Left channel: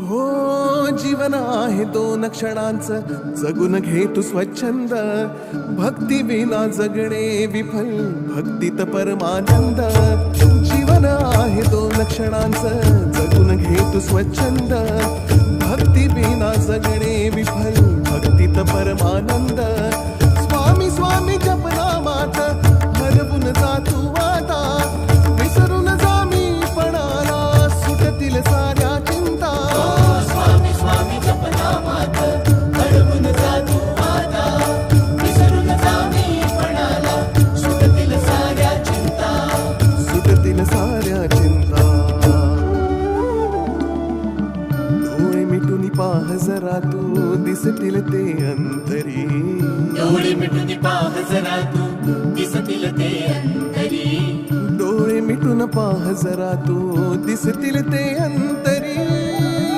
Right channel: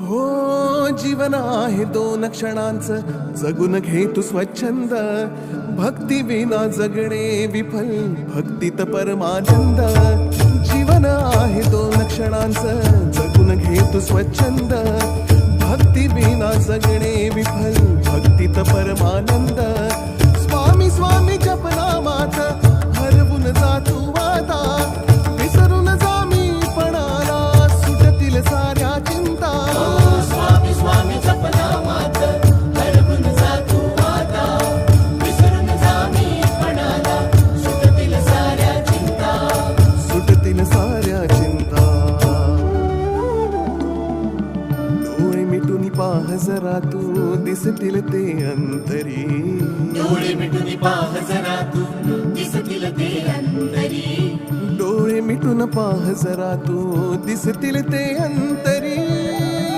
हो जीवन आहे दोन क्षणांचं, जगून घे तू स्वच्छंद. भक्ती विना जगणे विफल, भक्तीत परमानंद. जीवन आहे दोन क्षणांचं, जगून घे तू स्वच्छंद. भक्ती विना जगणे विफल, भक्तीत परमानंद. स्वामी स्वामी जपनामात हरवून जा तू आता, विसरून जा मी पणाला, सुटतील साऱ्या चिंता. स्वामी स्वामी जपनामात हरवून जा तू आता, विसरून जा मी पणाला, सुटतील साऱ्या चिंता. सुटतील साऱ्या चिंता. डोळे मिटून पाह जरा तू, दिसतील ते अंतरी. डोळे मिटून पाह जरा तू, दिसतील ते अंतरी. डोळे मिटून पाह जरा तू, दिसतील ते अंतरी.